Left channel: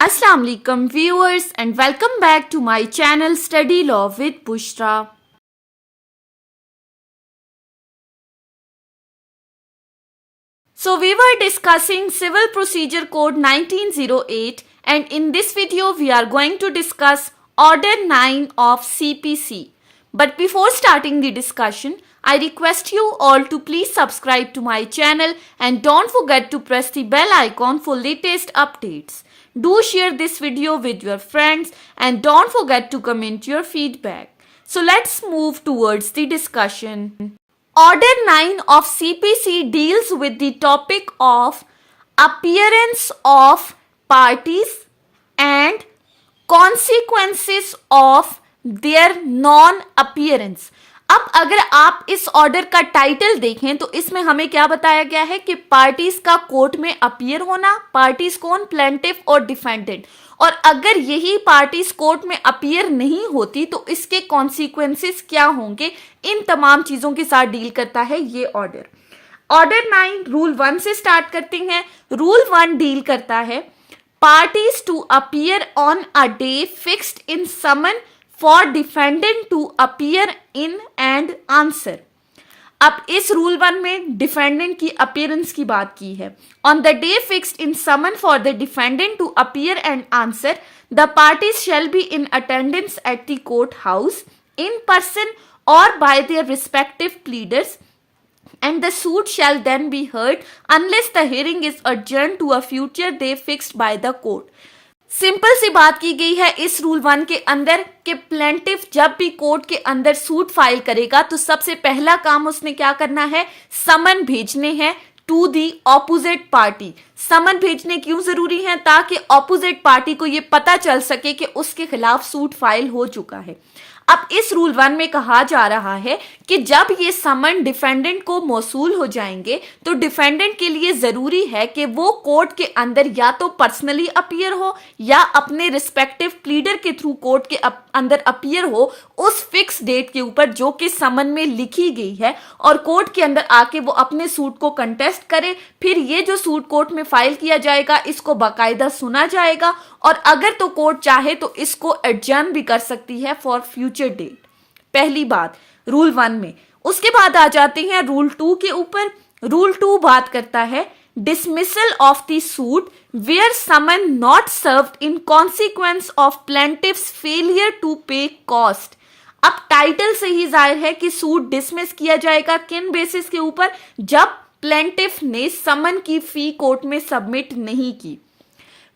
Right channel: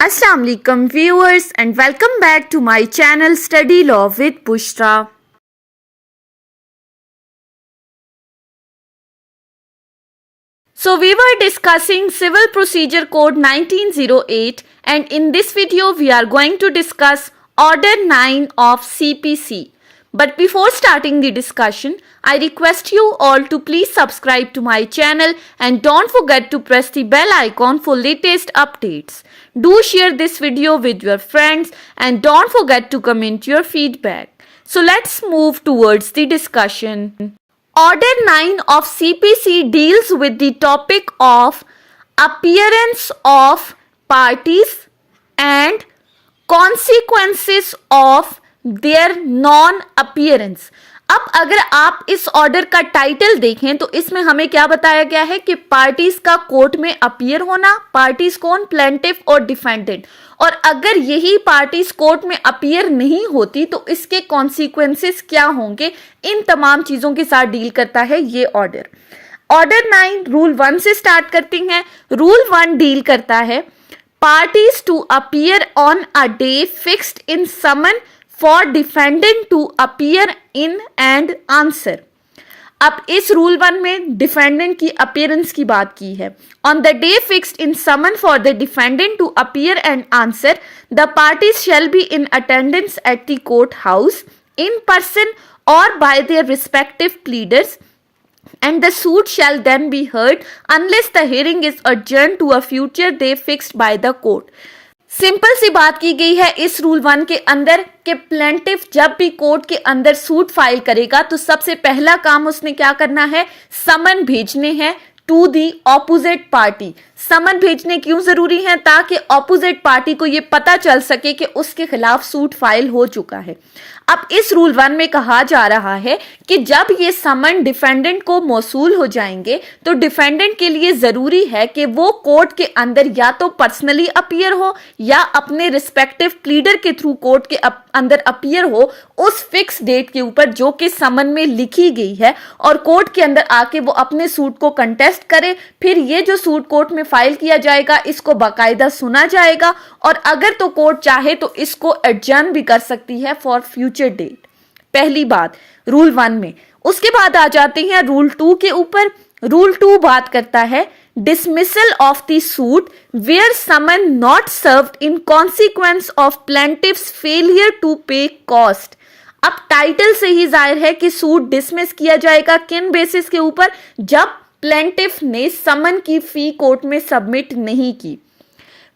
Assalamu alaikum viewers and welcome back to my channel Study Law with Bushra. So we were discussing Civil Procedure Code 1908 and in this video we are going to discuss Order 9 of CPC. But before starting the discussion, I request you all to please subscribe to my channel and don't forget to press the bell icon for latest updates. Do share this video with your friends and don't forget to comment your feedback. So let's move towards the discussion. Order 9 of CPC deals with the topic of appearance of parties and consequences of their non appearance. अब अगर आप इस order का title देखें तो इसमें हमें क्या बताया गया है कि पार्टीज का कोर्ट में अपीयर होना, पार्टीज कौन, प्लेंटिफ और डिफेंडेंट, और अगर यही पार्टीज कोर्ट में अपीयर नहीं होती तो इसके कॉन्सिक्वेंसेस क्या होंगे, इन तमाम चीजों के साथ डील करता है ये ऑर्डर। ऑर्डर 9 रूल 1 से स्टार्ट करते हैं। रूल 1 डील करता है parties to appear on a day fixed in summon for defendant to appear in and answer. अब इस रूल 1 में डिफेंडेंट की अपीयरेंस की बात की है। On the day fixed in summon for the defendant to appear and answer the parties shall be in attendance at the court house in person और by their respective pleaders and the suit shall then be heard unless the hearing is adjourned to a future day fixed by the court. Simple सी बात की गई है इस rule 1 के अंदर कि प्लेंटिफ जब भी कोर्ट के अंदर सूट फाइल करेगा तो सबसे पहला काम उसने क्या करना है, समन भेजने हैं टू दी ऑपोजिट पार्टी। समन भेजने क्यों जरूरी है, ताकि ऑपोजिट पार्टी को यह पता चल सके कि उसके खिलाफ सूट फाइल हो चुका है। अब इस रूल 1 में कहा जा रहा है कि जब ये समन डिफेंडेंट को मौसूल हो जाएंगे तो डिफेंडेंट के लिए जरूरी है कि वो कोर्ट के अंदर या तो पर्सनली अपीयर हो या अपने रिस्पेक्टिव प्लीडर के थ्रू कोर्ट के अंदर अपीयर हो उस फिक्स डेट के ऊपर जो कि समन में लिखी गई है, और कोर्ट के अंदर आके वो अपने सूट को कंटेस्ट करे। फिर ये जो सूट कोर्ट में फाइल किया जाएगा इसको बाकायदा सुना जाएगा, और अगर तो कोर्ट चाहे तो इसको एडजर्न भी कर सकती है फॉर फ्यूचर डेट। पहली बात रूल 1 में। उसके बाद आ जाते हैं रूल 2 के ऊपर। रूल 2 बात करता है dismissal of the suit where summon not served in consequence of plaintiff's failure to pay cost। अब टाइटल से ही जाहिर है कि सूट डिसमिस किया जाएगा किन बेसिस के ऊपर, जब प्लेंटिफ ने समन की फी कोर्ट में सबमिट नहीं की।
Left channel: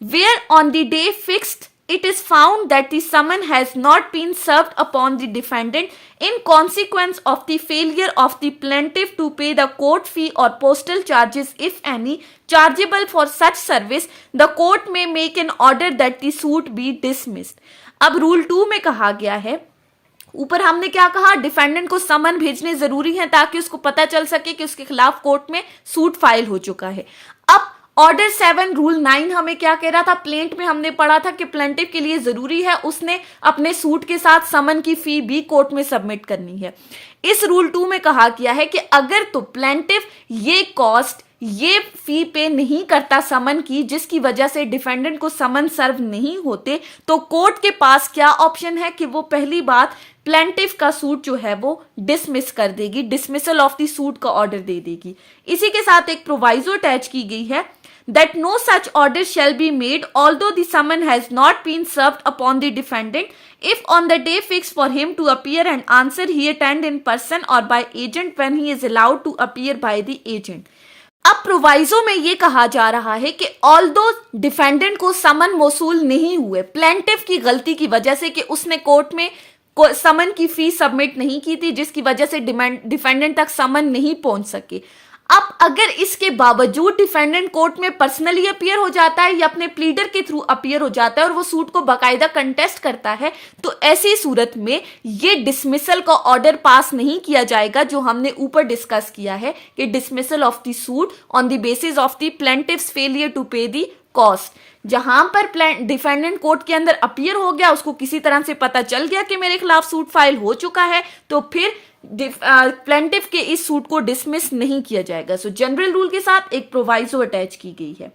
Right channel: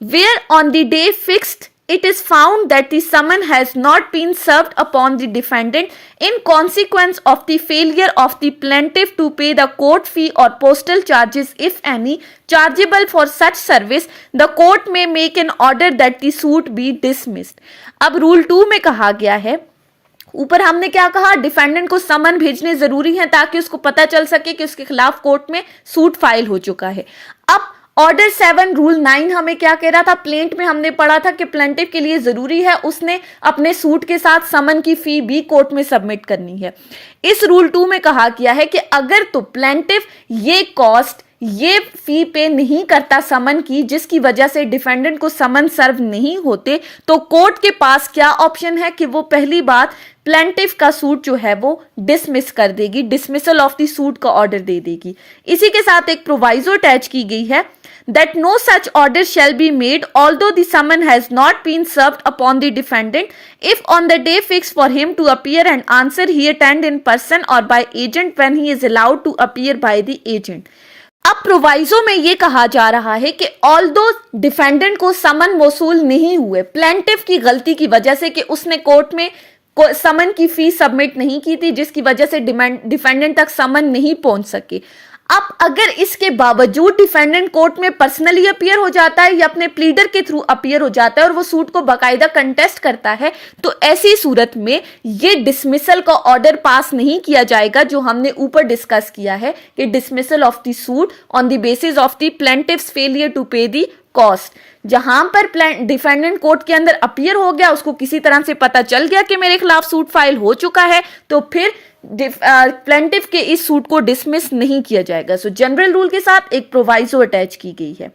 Where on the day fixed it is found that the summon has not been served upon the defendant in consequence of the failure of the plaintiff to pay the court fee or postal charges if any chargeable for such service, the court may make an order that the suit be dismissed। अब rule 2 में कहा गया है, ऊपर हमने क्या कहा, defendant को समन भेजने जरूरी है ताकि उसको पता चल सके कि उसके खिलाफ कोर्ट में सूट फाइल हो चुका है। अब ऑर्डर 7 रूल 9 हमें क्या कह रहा था, प्लेंट में हमने पढ़ा था कि प्लेंटिफ के लिए जरूरी है उसने अपने सूट के साथ समन की फी भी कोर्ट में सबमिट करनी है। इस रूल 2 में कहा गया है कि अगर तो प्लेंटिफ ये कॉस्ट, ये फी पे नहीं करता समन की, जिसकी वजह से डिफेंडेंट को समन सर्व नहीं होते, तो कोर्ट के पास क्या ऑप्शन है कि वो पहली बात प्लेंटिफ का सूट जो है वो डिसमिस कर देगी, डिसमिसल ऑफ द सूट का ऑर्डर दे देगी। इसी के साथ एक प्रोवाइजो अटैच की गई है that no such order shall be made although the summon has not been served upon the defendant if on the day fixed for him to appear and answer he attend in person or by agent when he is allowed to appear by the agent। अब proviso में ये कहा जा रहा है कि although defendant को समन मौसूल नहीं हुए प्लेंटिफ की गलती की वजह से कि उसने कोर्ट में समन की फी सबमिट नहीं की थी, जिसकी वजह से डिफेंडेंट तक समन नहीं पहुंच सके। अब अगर इसके बावजूद डिफेंडेंट कोर्ट में पर्सनली अपीयर हो जाता है या अपने प्लीडर के थ्रू अपीयर हो जाता है और वो सूट को बाकायदा कंटेस्ट करता है, तो ऐसी सूरत में ये डिसमिसल का ऑर्डर पास नहीं किया जाएगा, जो हमने ऊपर डिस्कस किया है कि dismissal of the suit on the basis of the plaintiff's failure to pay the cost. जहां पर डिफेंडेंट कोर्ट के अंदर अपीयर हो गया, उसको किसी तरह से पता चल गया कि मेरे खिलाफ सूट फाइल हो चुका है, तो फिर प्लेंटिफ के इस सूट को डिसमिस नहीं किया जाएगा। सो जनरल रूल के साथ एक प्रोवाइजो अटैच की गई है।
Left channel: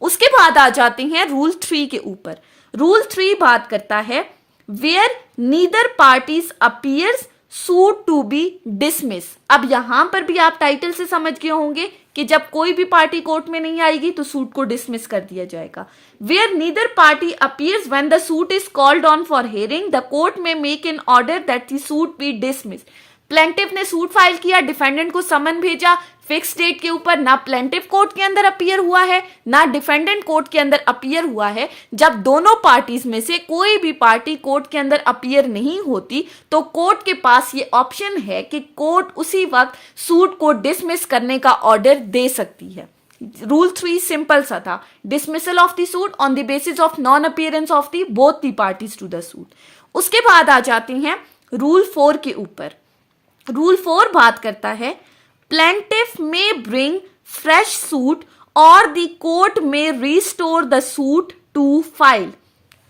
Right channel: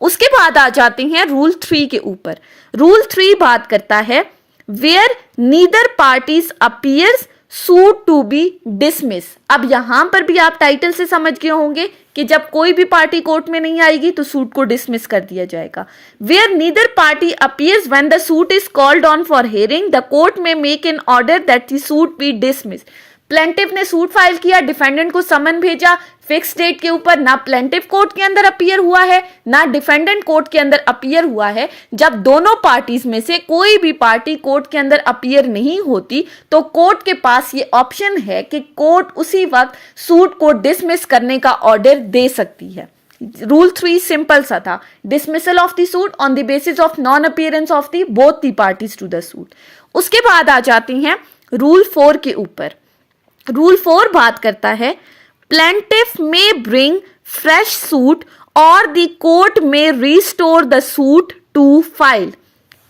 उसके बाद आ जाते हैं रूल 3 के ऊपर। रूल 3 बात करता है where neither parties appears suit to be dismiss. अब यहां पर भी आप टाइटल से समझ गए होंगे कि जब कोई भी पार्टी कोर्ट में नहीं आएगी तो सूट को डिसमिस कर दिया जाएगा। Where neither party appears when the suit is called on for hearing the court may make an order that the suit be dismiss. Plaintiff ने सूट फाइल किया, डिफेंडेंट को समन भेजा, फिक्स डेट के ऊपर ना प्लेंटिफ कोर्ट के अंदर appear हुआ है ना डिफेंडेंट कोर्ट के अंदर अपीयर हुआ है। जब दोनों पार्टीज में से कोई भी पार्टी कोर्ट के अंदर अपीयर नहीं होती तो कोर्ट के पास ये ऑप्शन है कि कोर्ट उसी वक्त सूट को डिसमिस करने का ऑर्डर दे सकती है। रूल 3 सिंपल सा था, dismissal of the suit on the basis of non appearance of the both the parties to the suit. उसके बाद आ जाते हैं रूल 4 के ऊपर। रूल 4 बात करता है plaintiff may bring fresh suit और the court may restore the suit to file.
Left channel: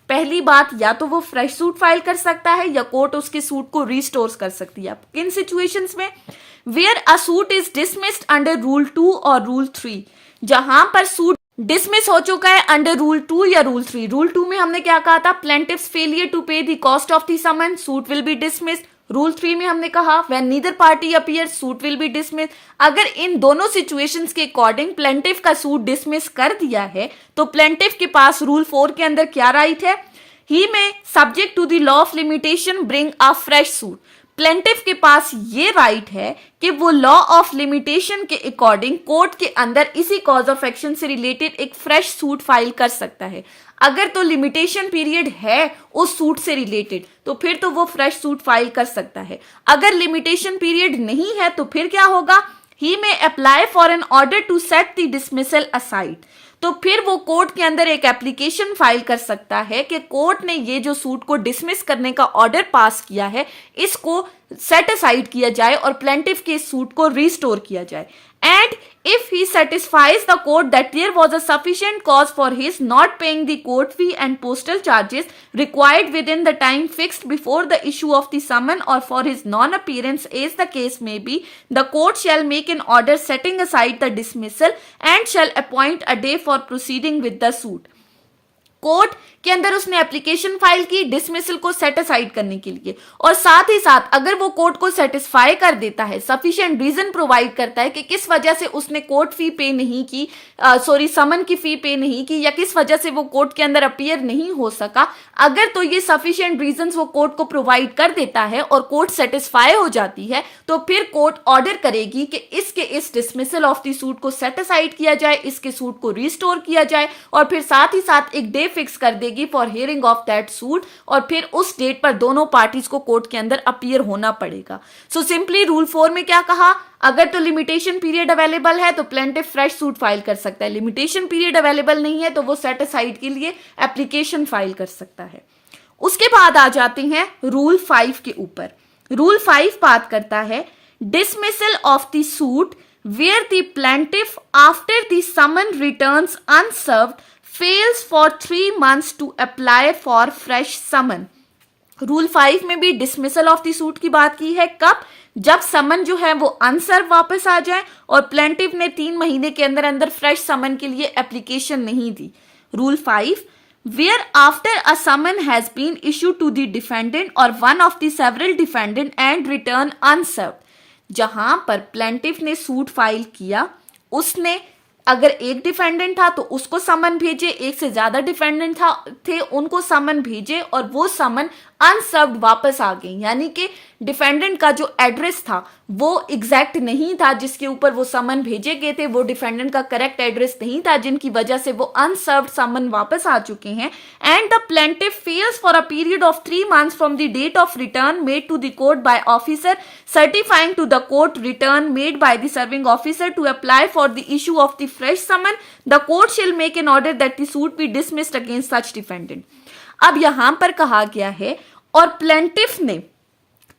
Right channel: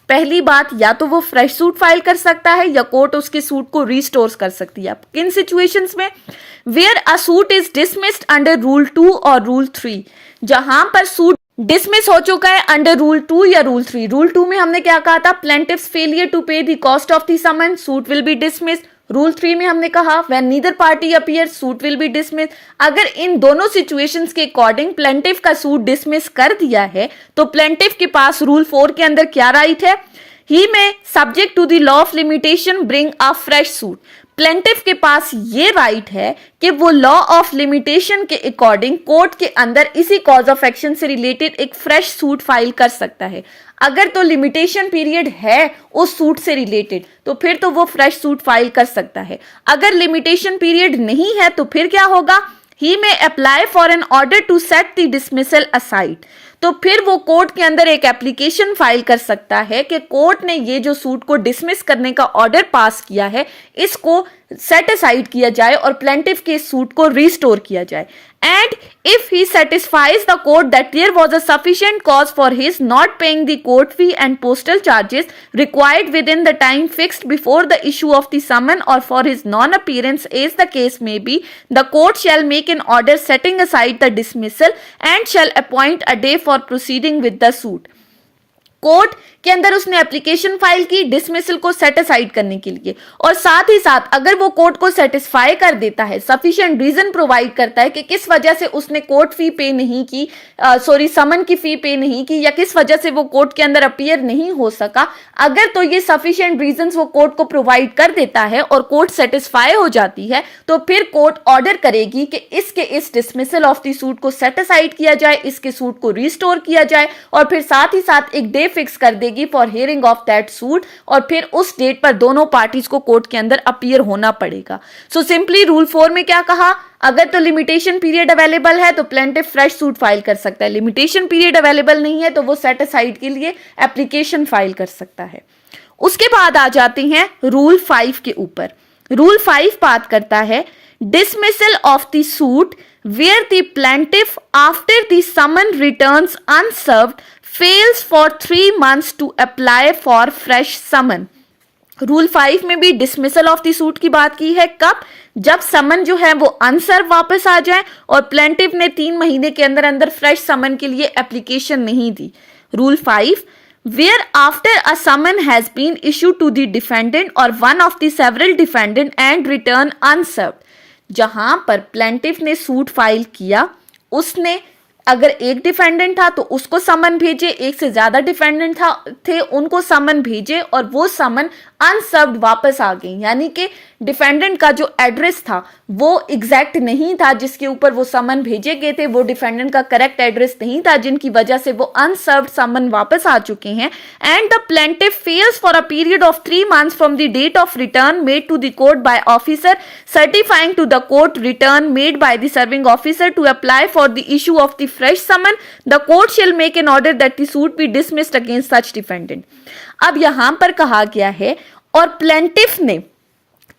पहली बात, या तो वो फ्रेश सूट फाइल कर सकता है या कोर्ट उसके सूट को रिस्टोर कर सकती है। किन सिचुएशंस में? Where a suit is dismissed under rule 2 और रूल 3। जहां पर सूट डिसमिस हो चुका है अंडर रूल 2 या रूल 3। रूल 2 में हमने क्या कहा था? Plaintiff's failure to pay the cost of the summon suit will be dismissed. Rule 3 में हमने कहा when neither party appear suit will be dismiss. अगर इन दोनों सिचुएशंस के अकॉर्डिंग प्लेंटिफ का सूट डिसमिस कर दिया है तो प्लेंटिफ के पास रूल 4 के अंदर क्या राइट है? He may subject to the law of limitation bring a fresh suit. Plaintiff के पास ये राइट है कि वो लॉ ऑफ लिमिटेशन के अकॉर्डिंग कोर्ट के अंदर इसी कॉज ऑफ एक्शन से रिलेटेड एक फ्रेश सूट फाइल कर सकता है। अगर तो लिमिटेशन पीरियड है उस सूट से रिलेटेड तो फिर तो वो फ्रेश सूट फाइल कर सकता है। अगर लिमिटेशन पीरियड नहीं है तो फिर क्या होगा? He may apply for an order to set the dismissal aside. तो फिर वो कोर्ट के अंदर एक एप्लीकेशन फाइल कर सकता है कि कोर्ट ने ये जो सूट को डिसमिस करने का ऑर्डर पास किया है इसको सेट असाइड किया जाए और प्लेंटिफ के सूट को रिस्टोर किया जाए। And if he satisfies the court that there was a sufficient cause for his not paying the court fee and postal charges required within the time fixed before the issue of the summon or for his non appearance as the case may be the court shall make an order setting aside the dismissal and shall appoint a day for proceeding with the suit. Court के अंदर उसने application file की dismissal को set aside करने के लिए और साथ ही साथ अगर वो कोर्ट को सेटिस्फाई कर देता है, सफिशिएंट रीजन प्रोवाइड करता है कि किस वजह से उसने कोर्ट फी पे नहीं की, समन की फी पे नहीं की या किस वजह से वो कोर्ट के अंदर अपीयर नहीं हो सका, अगर तो ये सफिशिएंट रीजंस वो कोर्ट को प्रोवाइड कर देता है और कोर्ट सेटिस्फाई हो जाती है तो फिर कोर्ट ऑर्डर करेगी कि इसके इस डिसमिसल ऑफ द सूट को सेट असाइड किया जाए, इसके सूट को रिस्टोर किया जाए और फिर साथ ही साथ एक डे फिक्स कर देगी for hearing of that suit और फिर उस डेट पर दोनों पार्टीज को कोर्ट के अंदर अपीयर होना पड़ेगा। सो सिंपली रूल 4 में क्या कहा? अगर तो लिमिटेशन पीरियड अवेलेबल है तो प्लेंटिफ फ्रेश सूट फाइल कर सकता है, लिमिटेशन पीरियड अवेलेबल नहीं है तो वो सेट असाइड के लिए एप्लीकेशन फाइल कर सकता है। उसके बाद आ जाते हैं रूल 5 के ऊपर। रूल 5 बात करता है dismissal of the suit where the plaintiff after the summon returns unserved fails for 3 months to apply for fresh summon। Rule 5 में भी डिसमिसल ऑफ द सूट की बात की है। कब? जब समन जो है वो अनसर्व वापस आ जाए और प्लेंटिफ ने 3 महीने के अंदर अंदर फ्रेश समन के लिए एप्लीकेशन नहीं दी। Rule 5 where after a summon has been issued to the defendant or one of the several defendant and return unserved। जहां पर प्लेंटिफ ने सूट फाइल किया, उसने अगर एक डिफेंडेंट था तो उसको समन भेजे, एक से ज्यादा डिफेंडेंट थे उनको समन भेजे और वो समन अनसर्व्ड वापस आ गई, यानी कि डिफेंडेंट का जो एड्रेस था वो एग्जैक्ट नहीं था जिसके ऊपर वो समन भेजे गए थे, वो डिफेंडेंट का करेक्ट एड्रेस नहीं था जिनकी वजह से वो अनसर्व्ड समन वापस आ चुके हैं। And the plaintiff fails for a period of 3 months from the date of return made to the court by officer certifying to the court return made by the serving officer to apply for the issue of the fresh summon the court shall make an order that the suit be dismissed against such defendant. अब यहां पर कहा गया है और plaintiff ने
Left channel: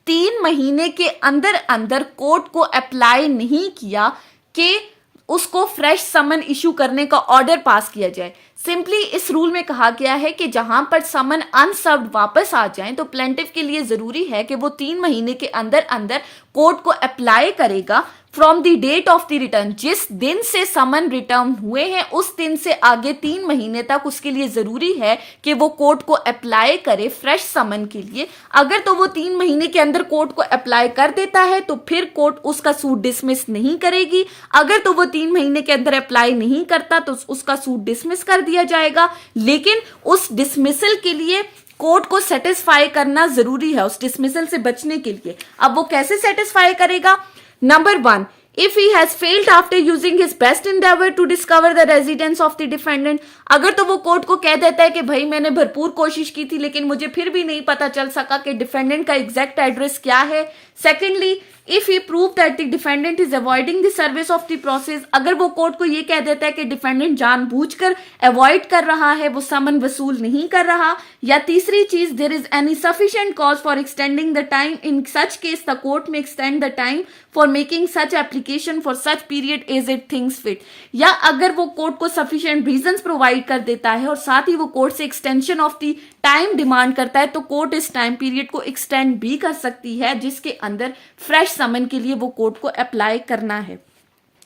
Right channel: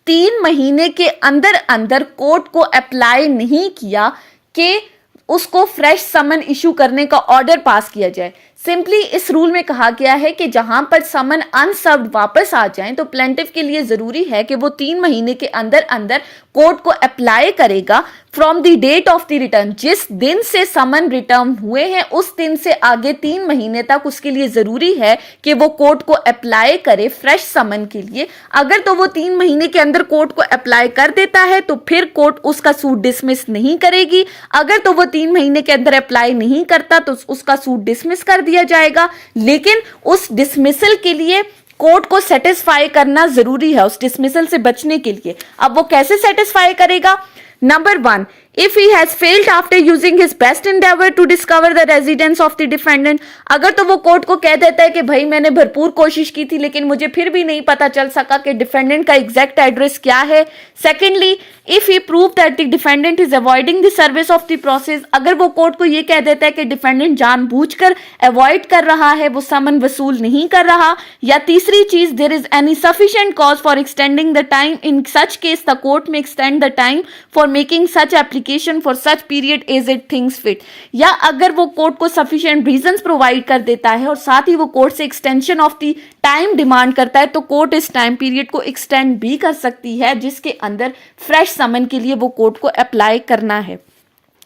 3 महीने के अंदर अंदर कोर्ट को अप्लाई नहीं किया कि उसको फ्रेश समन इशू करने का ऑर्डर पास किया जाए। सिंपली इस रूल में कहा गया है कि जहां पर समन अनसर्व्ड वापस आ जाएं तो प्लेंटिफ के लिए जरूरी है कि वो 3 महीने के अंदर अंदर कोर्ट को अप्लाई करेगा from the date of the return, जिस दिन से समन रिटर्न हुए हैं उस दिन से आगे 3 महीने तक उसके लिए जरूरी है कि वो कोर्ट को अप्लाई करे फ्रेश समन के लिए। अगर तो वो 3 महीने के अंदर कोर्ट को अप्लाई कर देता है तो फिर कोर्ट उसका सूट डिसमिस नहीं करेगी। अगर तो वो 3 महीने के अंदर अप्लाई नहीं करता तो उसका सूट डिसमिस कर दिया जाएगा। लेकिन उस डिसमिसल के लिए कोर्ट को सेटिस्फाई करना जरूरी है, उस डिसमिसल से बचने के लिए। अब वो कैसे सेटिस्फाई करेगा? Number 1, if he has failed after using his best endeavor to discover the residence of the defendant, अगर तो वो कोर्ट को कह देता है कि भाई मैंने भरपूर कोशिश की थी लेकिन मुझे फिर भी नहीं पता चल सका कि डिफेंडेंट का एग्जैक्ट एड्रेस क्या है। Secondly, if he prove that the defendant is avoiding the service of the process, अगर वो कोर्ट को ये कह देता है कि डिफेंडेंट जानबूझकर अवॉइड कर रहा है, वो समन वसूल नहीं कर रहा। या तीसरी चीज, there is any sufficient cause for extending the time, in such case the court may extend the time for making such application for such period as it thinks fit. या अगर वो कोर्ट को सफिशिएंट रीजंस प्रोवाइड कर देता है और साथ ही वो कोर्ट से extension of the time demand करता है तो कोर्ट इस टाइम पीरियड को एक्सटेंड भी कर सकती है जिसके अंदर फ्रेश समन के लिए वो कोर्ट को अप्लाई करना है।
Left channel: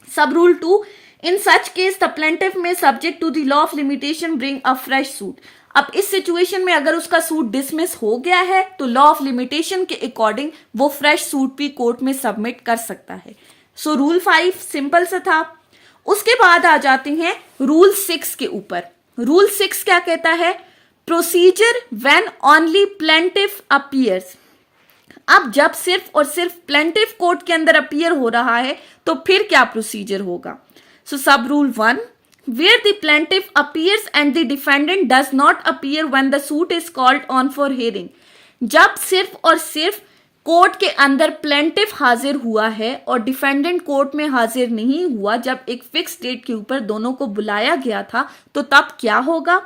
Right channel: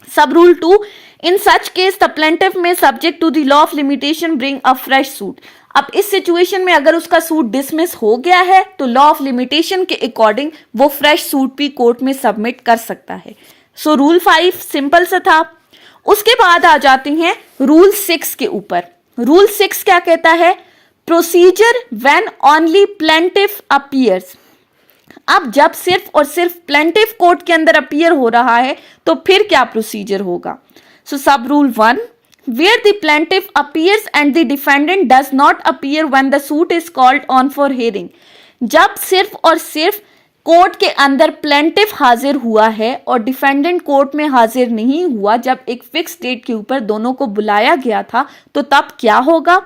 Sub rule 2, in such case the plaintiff may subject to the law of limitation bring a fresh suit. अब इस सिचुएशन में अगर उसका सूट डिसमिस हो गया है तो लॉ ऑफ लिमिटेशन के अकॉर्डिंग वो फ्रेश सूट भी कोर्ट में सबमिट कर सकता है। सो रूल 5 सिंपल सा था। उसके बाद आ जाते हैं रूल 6 के ऊपर। रूल 6 क्या कहता है? Procedure when only plaintiff appears. अब जब सिर्फ और सिर्फ प्लेंटिफ कोर्ट के अंदर अपीयर हो रहा है तो फिर क्या प्रोसीजर होगा? सो सब rule 1, where the plaintiff appears and the defendant does not appear when the suit is called on for hearing। जब सिर्फ और सिर्फ कोर्ट के अंदर प्लेंटिफ हाजिर हुआ है और डिफेंडेंट कोर्ट में हाजिर नहीं हुआ, जब एक फिक्स डेट के ऊपर दोनों को बुलाया गया था, तो तब क्या होगा?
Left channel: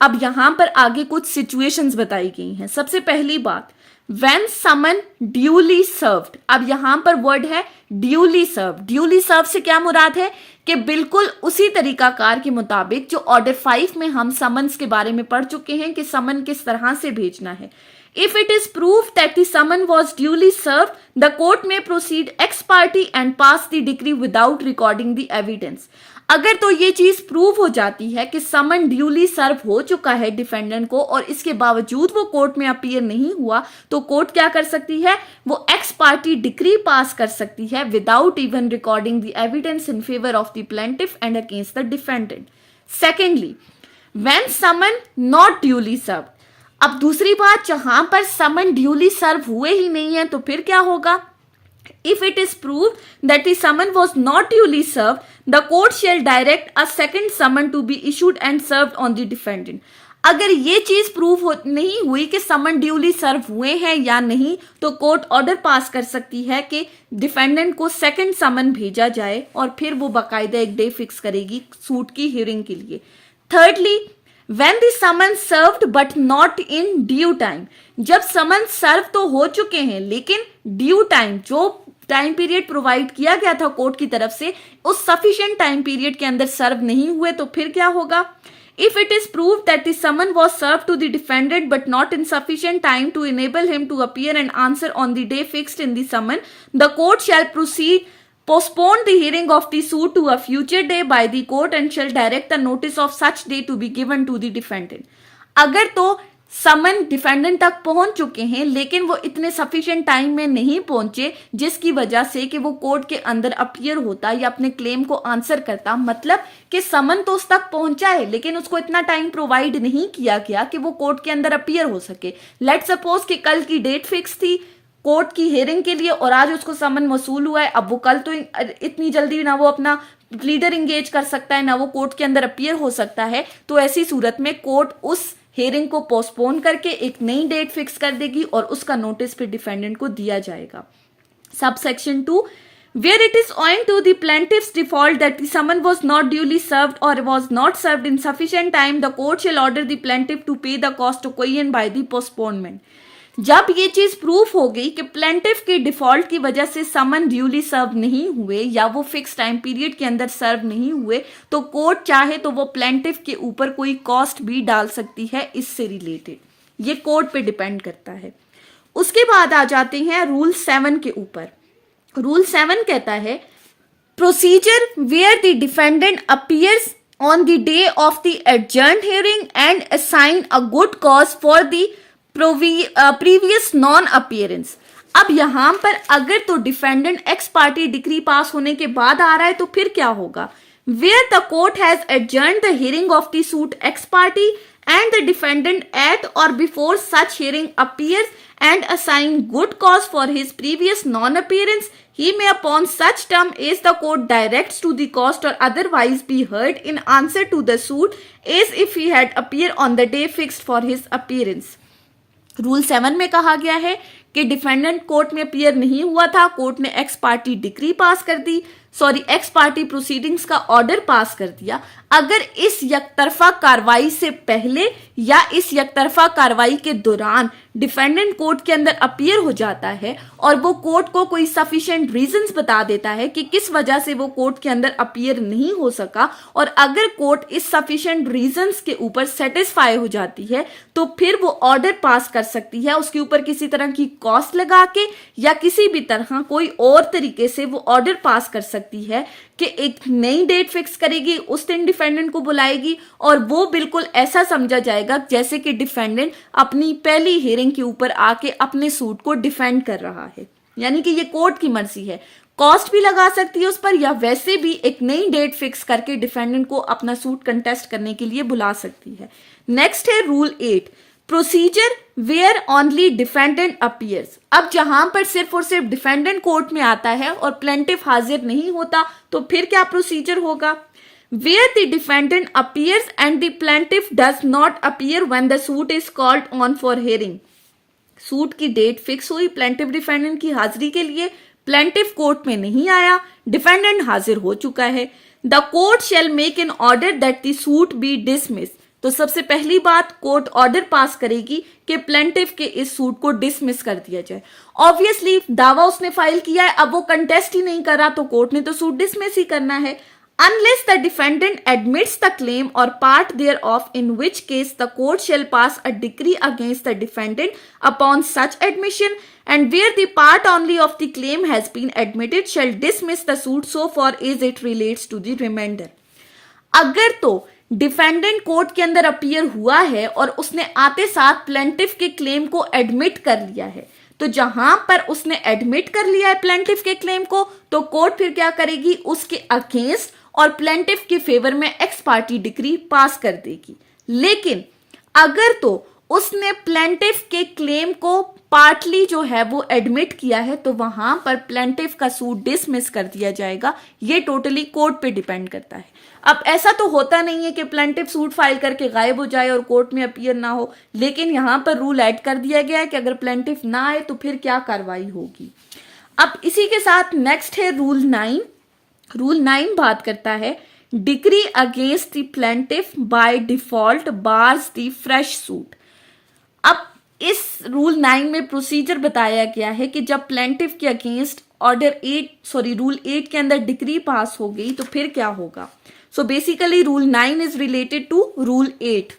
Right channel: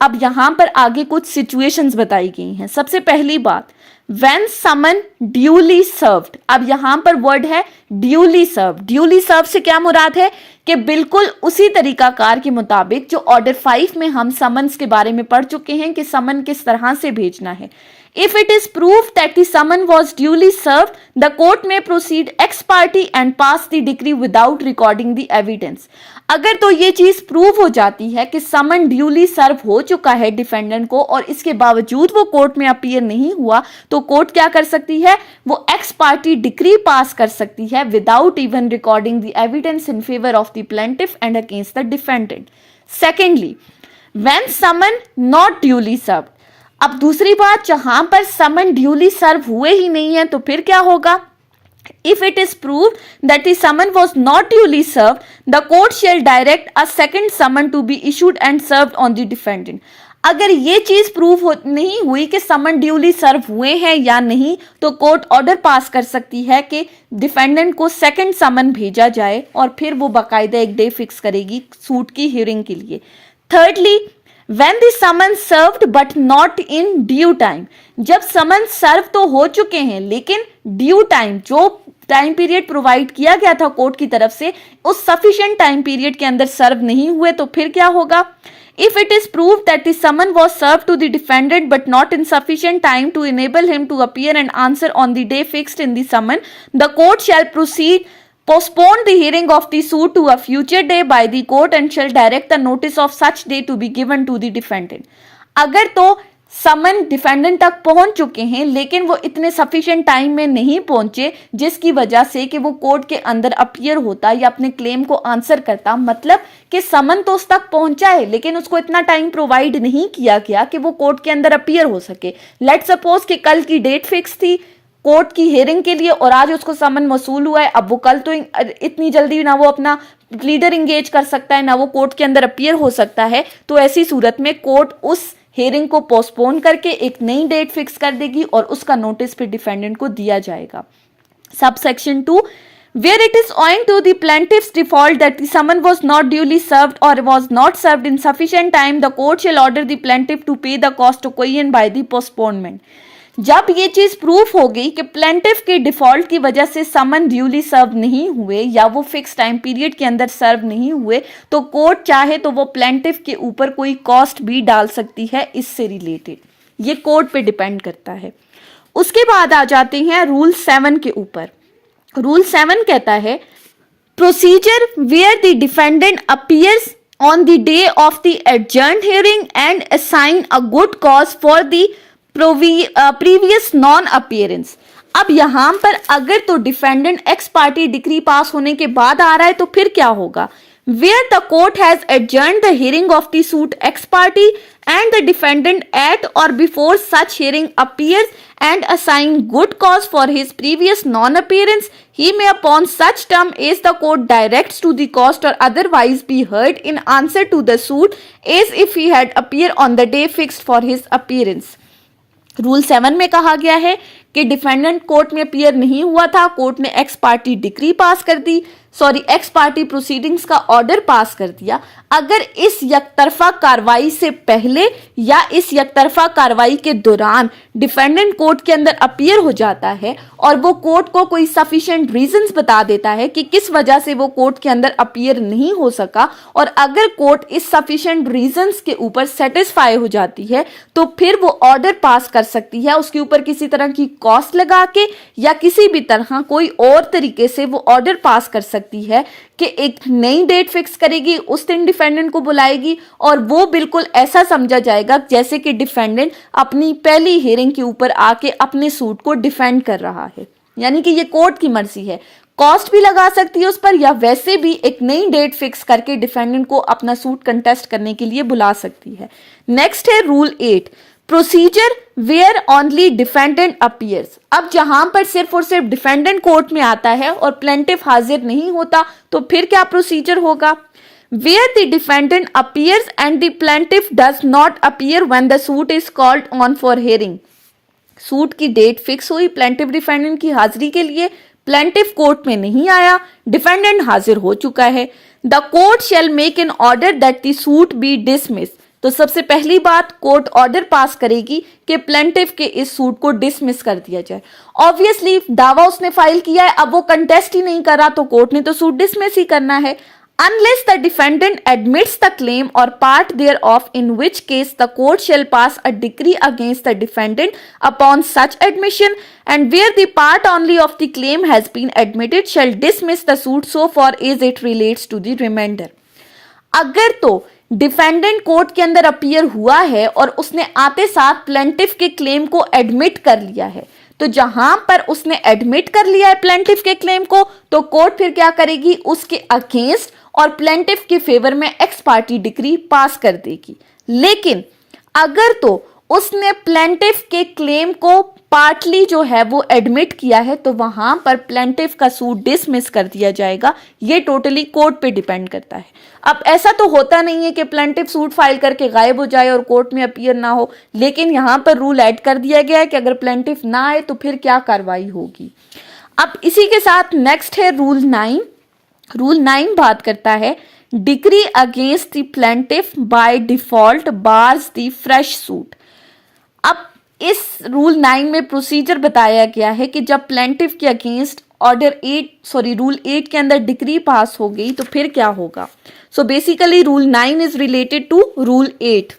अब यहां पर आगे कुछ सिचुएशंस बताई गई हैं। सबसे पहली बात, when summon duly served। अब यहां पर वर्ड है ड्यूली सर्व। ड्यूली सर्व से क्या मुराद है कि बिल्कुल उसी तरीकाकार के मुताबिक जो ऑर्डर 5 में हम समन्स के बारे में पढ़ चुके हैं कि समन किस तरह से भेजना है। If it is proved that the summon was duly served, the court may proceed ex parte and pass the decree without recording the evidence। अगर तो ये चीज प्रूव हो जाती है कि समन ड्यूली सर्व हो चुका है डिफेंडेंट को और इसके बावजूद वो कोर्ट में अपीयर नहीं हुआ, तो कोर्ट क्या कर सकती है? वो एक्स पार्टी डिक्री पास कर सकती है without even recording the evidence in favour of the plaintiff and against the defendant. Secondly, when summon not duly serve. अब दूसरी बात, जहां पर समन ड्यूली सर्व हुए ही नहीं है तो फिर क्या होगा? If it is proved that the summon was not duly served, the court shall direct a second summon to be issued and served on the defendant। अगर ये चीज प्रूव नहीं हुई कि समन ड्यूली सर्व हुए हैं या नहीं, तो कोर्ट ऑर्डर पास कर सकती है कि डिफेंडेंट को सेकंड समन भेजा जाए और फिर वो बाकायदा एक डे फिक्स करेगी सूट की हियरिंग के लिए। Thirdly, when the summons served but not in due time। जब समन सर्व तो हो चुके हैं लेकिन ड्यू टाइम, जो टाइम पीरियड प्रोवाइड किया गया था कोर्ट की तरफ से, उस सफिशिएंट टाइम पीरियड के अंदर सर्व नहीं हुए, तो फिर क्या होगा? If it is proved that the summon was served to the defendant but not in sufficient time to enable him to appear and answer on the day fixed in the summon, the court shall postpone the hearing of the suit to a future day by the court and shall direct the notice of such day to be given to the defendant। अगर तो समन defendant तक पहुंच चुके हैं लेकिन वो इतने sufficient time में नहीं पहुंचे जिसकी वजह से कि वो कोर्ट के अंदर अपीयर होता या अपने क्लेम को आंसर करता, मतलब कि समन तो उस तक पहुंचा है लेकिन उसको इतना टाइम प्रोवाइड नहीं किया गया कि वो कोर्ट के अंदर अपीयर हो सके। लेट सपोज कि कल की डेट फिक्स थी कोर्ट की हियरिंग के लिए और आज उसको समन वसूल हुआ है। अब वो कल तो इतनी जल्दी ना वो अपना प्लीडर इंगेज कर सकता है ना वो कोर्ट के अंदर अपीयर हो सकता है, तो ऐसी सूरत में कोर्ट उस हियरिंग को पोस्टपोन करके एक नई डेट फिक्स कर देगी और उसका नोटिस फिर डिफेंडेंट को दिया जाएगा। Subsection 2, where it is owing to the plaintiff's default that the summon was not duly served or was not served in sufficient time, the court shall order the plaintiff to pay the cost occasioned by the postponement। जब ये चीज proof हो गई कि plaintiff के default की वजह से समन ड्यूली सर्व नहीं हुए या वो फिक्स टाइम पीरियड के अंदर सर्व नहीं हुए, तो कोर्ट चाहे तो वो प्लेंटिफ के ऊपर कोई कॉस्ट भी डाल सकती है इससे रिलेटेड। ये कोर्ट पे डिपेंड करता है। उसके बाद आ जाते हैं रूल 7 के ऊपर। रूल 7 कहता है procedure where the defendant appears on the day of the adjourned hearing and assign a good cause for the previous non-appearance. अब यहां पर अगर तो defendant x party decree pass होने के बाद आ रहा है तो फिर क्या होगा? Where the court has adjourned the hearing of the suit ex parte and the defendant at or before such hearing appears and assign good cause for his previous non-appearance, he may upon such term as the court directs to the cost or otherwise be heard in answer to the suit as if he had appeared on the day fixed for his appearance. Rule 7 में कहा गया है कि defendant court में appear नहीं हुआ था, court ने एक्स पार्टी डिक्री पास कर दी, एक्स पार्टी प्रोसीडिंग्स का ऑर्डर पास कर दिया। अगर इस यकतरफा कार्रवाई से पहले या इस यकतरफा कार्रवाई के दौरान डिफेंडेंट कोर्ट के अंदर अपीयर हो जाता है और वो कोर्ट को कोई सफिशिएंट रीजंस बता देता है कि किस वजह से वो कोर्ट के अंदर अपीयर नहीं हो सका, और अगर कोर्ट इस सफिशिएंट रीजंस के ऊपर सेटिस्फाई हो जाती है तो फिर वो ऑर्डर पास कर सकती है उसके ऊपर किसी तरह की कॉस्ट लगा के या किसी भी तरह कोई और तरीके से वो ऑर्डर पास कर सकती है कि एक नई डेट फिक्स करेगी, उस दिन डिफेंडेंट को बुलाएगी और वो बिल्कुल ऐसा समझा जाएगा जैसे कि डिफेंडेंट अपनी पहली हियरिंग के ऊपर आके अपने सूट को डिफेंड कर रहा है। यानी कि ये कोर्ट की मर्जी है, कॉस्ट भी लगा सकती है उस पर या वैसे भी एक नई डेट फिक्स करके डिफेंडेंट को अपना सूट कंटेस्ट करने के लिए बुला सकती है। नेक्स्ट है rule 8, procedure where only defendant appears. अब जहां पर सिर्फ और सिर्फ डिफेंडेंट कोर्ट में आता है और प्लेंटिफ हाजिर नहीं होता तो फिर क्या प्रोसीजर होगा? Where the defendant appears and the plaintiff does not appear when the suit is called on for hearing. Suit की डेट फिक्स हुई प्लेंटिफ डिफेंडेंट की हाजिरी के लिए, प्लेंटिफ कोर्ट में नहीं आया, डिफेंडेंट हाजिर हो चुका है। The court shall make an order that the suit be dismiss. तो सबसे पहली बात कोर्ट ऑर्डर पास करेगी कि प्लेंटिफ के इस सूट को डिसमिस कर दिया जाए। ऑब्वियसली दावा उसने फाइल किया है, अब वो कंटेस्ट ही नहीं करा तो कोर्ट ने तो सूट डिसमिस ही करना है। Unless the defendant admits the claim or part thereof, in which case the court shall pass a decree against the defendant upon such admission, and where the part only of the claim has been admitted shall dismiss the suit so far as it relates to the remainder. अगर तो defendant court के अंदर appear हुआ है और उसने आते साथ प्लेंटिफ के क्लेम को एडमिट कर लिया है, तो जहां पर उसने एडमिट कर लिया है प्लेंटिफ के क्लेम को तो कोर्ट फिर क्या करेगी, उसके अगेंस्ट और प्लेंटिफ के फेवर में एक्स पार्टी डिक्री पास कर देगी। लेकिन अगर तो उसने प्लेंटिफ के क्लेम को पार्टली जो है वो एडमिट किया है तो वहां पर प्लेंटिफ का सूट डिसमिस कर दिया जाएगा। ये टोटली कोर्ट पे डिपेंड करता है। अब ऐसा तो होता नहीं है कि प्लेंटिफ सूट फाइल करके गायब हो जाए और कोर्ट में अपीयर ना हो, लेकिन यहां पर रूल ऐड कर दिया गया है कि अगर प्लेंटिफ ना आए तो फिर क्या कार्रवाई होगी। अब इसी के साथ नेक्स्ट है रूल 9। रूल 9 बात करता है decree against the plaintiff by default bars the fresh suit. अब इस रूल 9 में प्रोसीजर बताया गया है कि जब प्लेंटिफ के अगेंस्ट रूल 8 के अंदर डिक्री पास हो गई तो फिर क्या होगा। So basically rule 9 is related to rule 8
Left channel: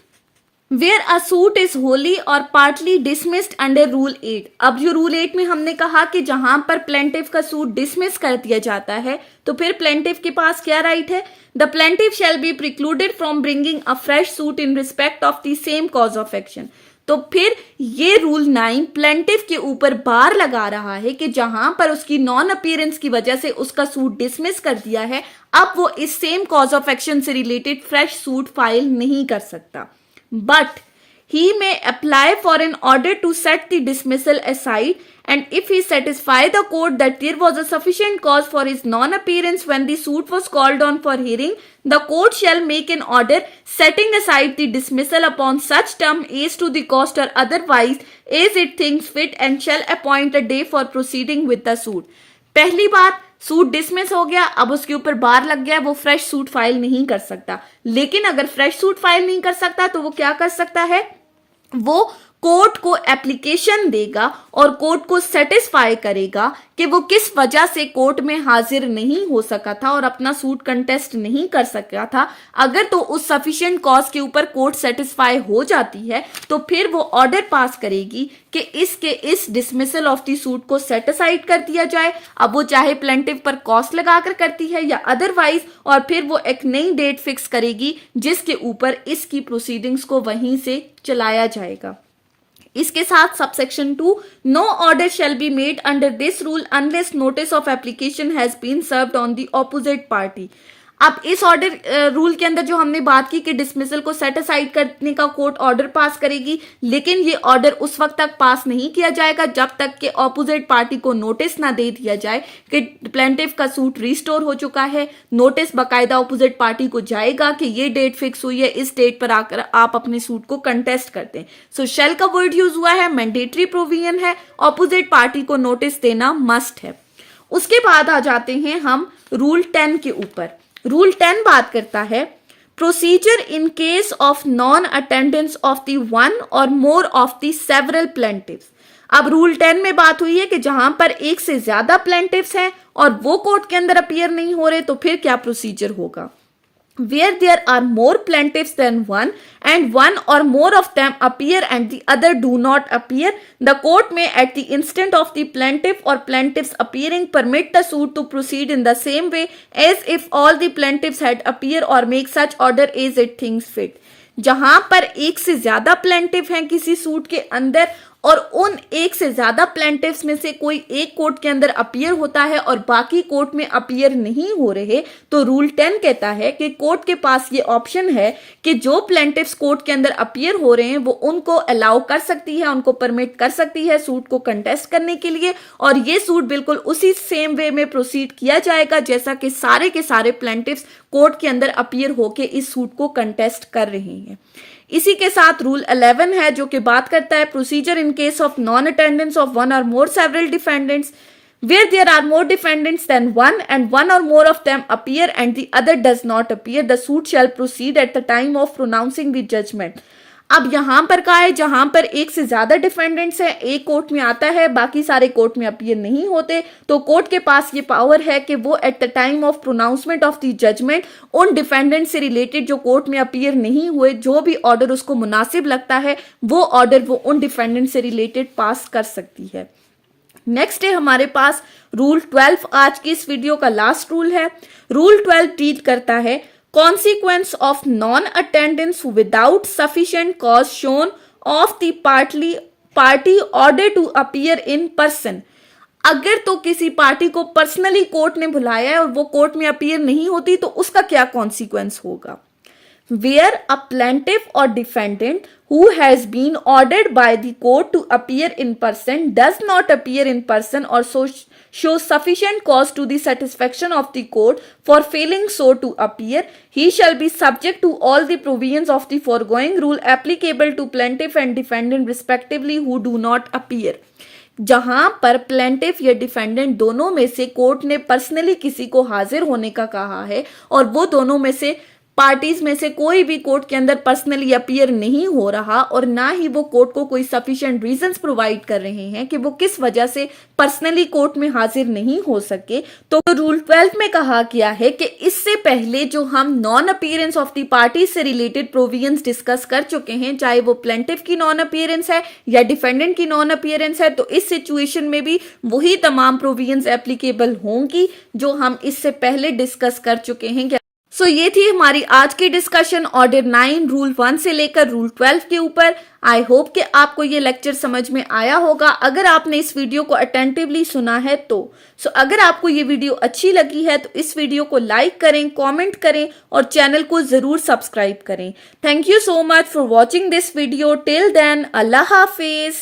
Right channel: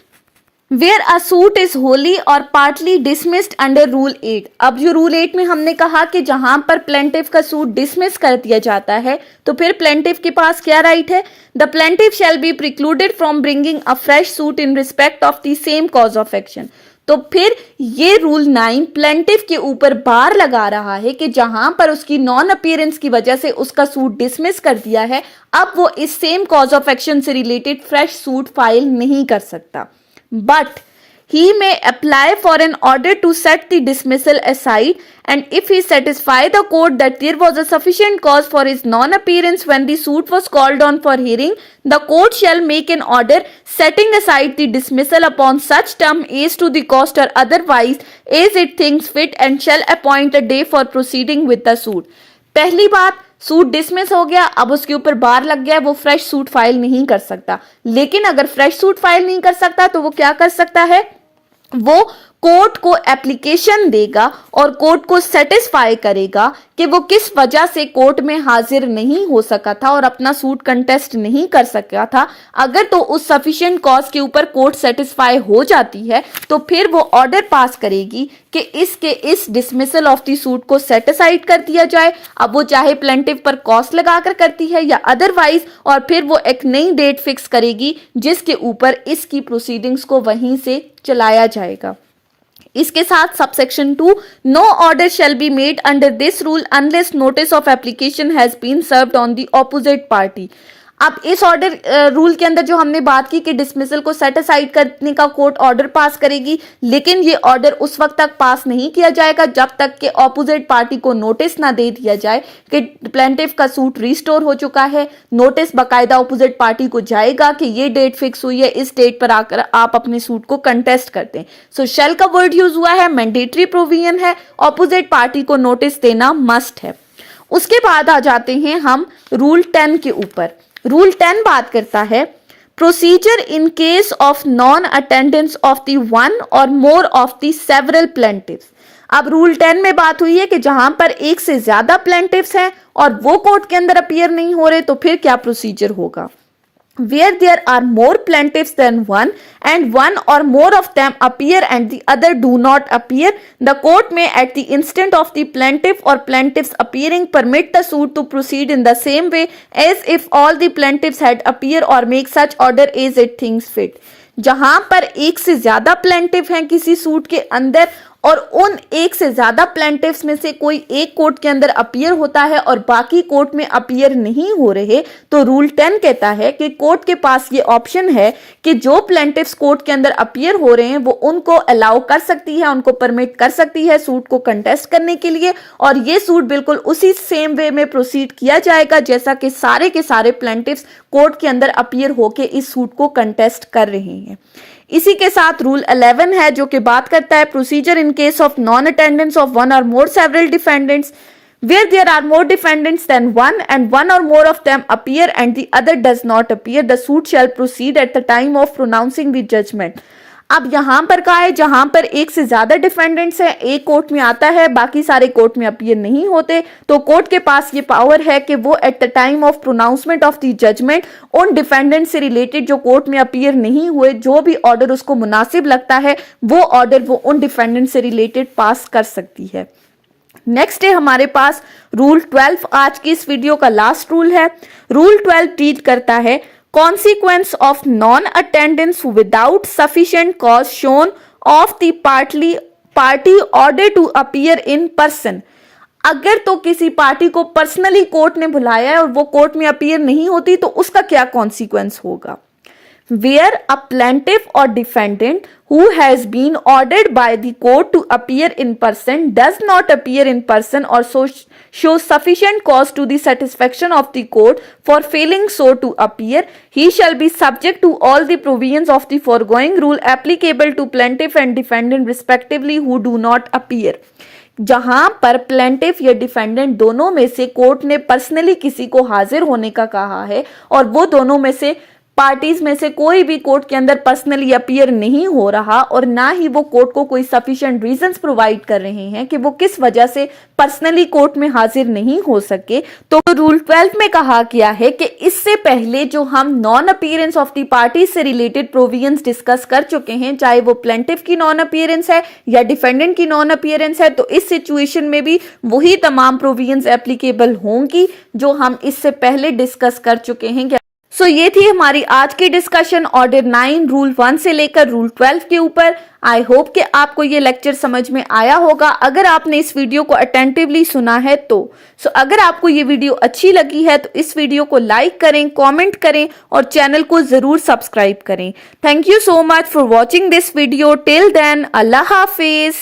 where a suit is wholly or partly dismissed under rule 8। अब जो रूल 8 में हमने कहा कि जहां पर प्लेंटिफ का सूट डिसमिस कर दिया जाता है तो फिर प्लेंटिफ के पास क्या राइट है, the plaintiff shall be precluded from bringing a fresh suit in respect of the same cause of action. तो फिर ये रूल 9 प्लेंटिफ के ऊपर बार लगा रहा है कि जहां पर उसकी नॉन अपीयरेंस की वजह से उसका सूट डिसमिस कर दिया है, अब वो इस सेम कॉज ऑफ एक्शन से रिलेटेड फ्रेश सूट फाइल नहीं कर सकता। But he may apply for an order to set the dismissal aside, and if he satisfy the court that there was a sufficient cause for his non-appearance when the suit was called on for hearing, the court shall make an order setting aside the dismissal upon such term as to the cost or otherwise as it thinks fit, and shall appoint a day for proceeding with the suit. पहली बात, suit dismiss हो गया, अब उसके ऊपर बार लग गया, वो फ्रेश सूट फाइल नहीं कर सकता। लेकिन अगर फ्रेश सूट फाइल नहीं कर सकता तो वो क्या कर सकता है, वो कोर्ट को एप्लीकेशन देगा और कोर्ट को सेटिस्फाई करेगा कि वो किस वजह से कोर्ट में हाजिर नहीं हो सका था और अपना सूट कंटेस्ट नहीं कर सका था। अगर तो उस सफिशिएंट कॉज के ऊपर कोर्ट सेटिस्फाई हो जाती है तो फिर वो ऑर्डर पास करेगी कि इस डिसमिसल ऑफ द सूट को सेट असाइड कर दिया जाए। अब वो चाहे प्लेंटिफ पर कॉस्ट लगाकर करती है या अदरवाइज, और फिर वो एक नई डेट फिक्स करेगी जिसके ऊपर इसकी प्रोसीडिंग्स को वहीं से चलाया जाएगा। इसके साथ subsection 2, no order shall be made under this rule unless notice of application has been served on the opposite party. अब इस ऑर्डर रूल के अंदर जो हमने बात की कि डिसमिसल को सेट असाइड करने का कोर्ट ऑर्डर पास करेगी, लेकिन ये ऑर्डर उस वक्त तक पास नहीं किया जाएगा जब तक कि ऑपोजिट पार्टी को नोटिस ना दे दिया जाए कि प्लेंटिफ का सूट रिस्टोर हो चुका है। नोटिस बाकायदा ऑपोजिट पार्टी को जाएगा कि ये डेट फिक्स हुई है, इस डेट पर आकर आप अपने सूट को कंटेस्ट करते हैं। सो शैल का वर्ड यूज हुआ है, मैंडेटरी प्रोविजन है, ऑपोजिट पार्टी को नोटिस देना मस्ट है। उसके बाद आ जाते हैं हम रूल 10 के ऊपर। रूल 10 बात करता है procedure in case of non attendance of the one or more of the several प्लेंटिव्स। अब रूल 10 में बात हुई है कि जहां पर एक से ज्यादा प्लेंटिव्स हैं और वो कोर्ट के अंदर अपीयर नहीं हो रहे तो फिर क्या प्रोसीजर होगा। Where there are more plaintiffs than one and one or more of them appear and the other do not appear, the court may at the instant of the plaintiff or plaintiffs appearing permit the suit to proceed in the same way as if all the plaintiffs had appear or make such order as it thinks fit। जहां पर एक से ज्यादा plaintiff हैं किसी suit के अंदर और उन एक से ज्यादा प्लेंटिफ्स में से कोई एक कोर्ट के अंदर अपीयर होता है और बाकी कोर्ट में अपीयर नहीं हो रहे, तो रूल 10 कहता है कि कोर्ट के पास ये ऑप्शन है कि जो प्लेंटिफ्स कोर्ट के अंदर अपीयर हो रहे हैं वो उनको अलाउ कर सकती है, उनको परमिट कर सकती है सूट को कंटेस्ट करने के लिए, और ये सूट बिल्कुल उसी सेम वे में प्रोसीड किया जाएगा जैसा कि सारे के सारे प्लेंटिफ्स कोर्ट के अंदर अपीयर होके इस सूट को कंटेस्ट कर रहे हैं। इसी के साथ रूल 11 है जो कि बात करता है procedure in case of non attendance of one or more several defendants. Where there are more defendants than one and one or more of them appear and the other does not appear, the suit shall proceed at the time of pronouncing the judgment। अब यहां पर कहा है जहां पर एक से ज्यादा डिफेंडेंट्स है, एक कोर्ट में आता है, बाकी सारे कोर्ट में अपीयर नहीं होते, तो कोर्ट के पास ये पावर है कि वो at the time of pronouncement of the judgment उन डिफेंडेंट से रिलेटेड जो कोर्ट में अपीयर नहीं हुए, जो भी ऑर्डर उसको मुनासिब लगता है वो ऑर्डर वो उन डिफेंडेंट से रिलेटेड पास कर सकती है। नेक्स्ट है हमारे पास रूल 12, आज की इस वीडियो का लास्ट रूल है। रूल 12 डील करता है consequence of non-attendance without sufficient cause shown of the party order to appear in person। अगर तो किसी पार्टी को पर्सनली कोर्ट ने बुलाया है और वो कोर्ट में अपीयर नहीं होती तो उसका क्या कॉन्सिक्वेंस होगा। Where a plaintiff or defendant who has been ordered by the court to appear in person does not appear in person or shows sufficient cause to the satisfaction of the court for failing so to appear, he shall be subject to all the provisions of the foregoing rule applicable to plaintiff and defendant respectively who do not appear। जहां पर plaintiff या defendant दोनों में से court ने personally किसी को हाजिर होने का कहा है और वो दोनों में से पार्टीज में से कोई भी कोर्ट के अंदर पर्सनली अपीयर नहीं हो रहा और ना ही वो कोर्ट को कोई सफिशिएंट रीजंस प्रोवाइड कर रहे हैं कि वो किस वजह से पर्सनली कोर्ट में हाजिर नहीं हो सके, तो रूल 12 में कहा गया है कि इससे पहले जो हम non appearance of the party से रिलेटेड प्रोविजंस डिस्कस कर चुके हैं, चाहे वो प्लेंटिफ की नॉन अपीयरेंस है या डिफेंडेंट की नॉन अपीयरेंस है, तो इस सिचुएशन में भी वही तमाम प्रोविजंस एप्लीकेबल होंगी जो हम इससे पहले डिस्कस कर चुके हैं। सो ये थी हमारी आज की डिस्कशन ऑर्डर 9 रूल 1 से लेकर रूल 12 के ऊपर। आई होप कि आपको ये लेक्चर समझ में आया होगा अगर आपने इस वीडियो को अटेंटिवली सुना है तो। अगर आपको ये वीडियो अच्छी लगी है तो इस वीडियो को लाइक करें, कमेंट करें और चैनल को जरूर सब्सक्राइब करें। Thank you so much for watching this video. Till then, अल्लाह हाफिज।